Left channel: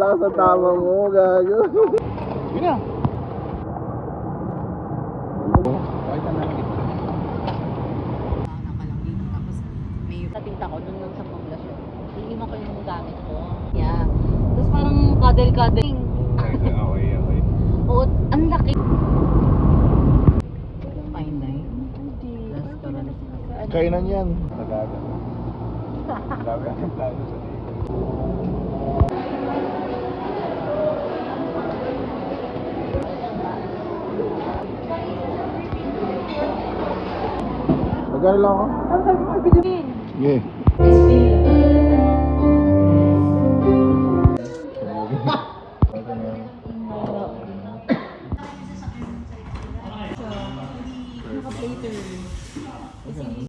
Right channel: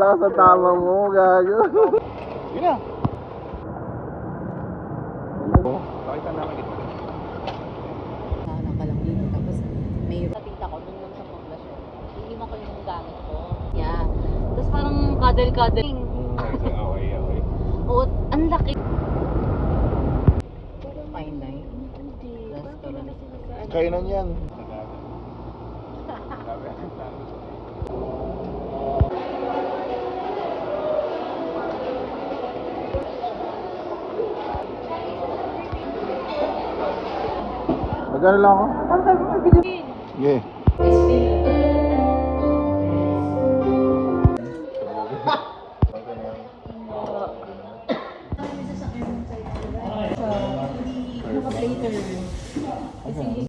Wala sa tama mo, gago. Yun na. Pakita namin dito. Wala ka lang dito. Tapos may natinta ko dun lang sa poblasyon. Iiwan ko yung gamit ko. Yeah. Tapos parang kadel-kadel. Okay. Oo, ang laki. Fine na yun. Last ko lang. Kainan yan. Magkano lang ako? Ang sabi mo, bilhin. Yeah.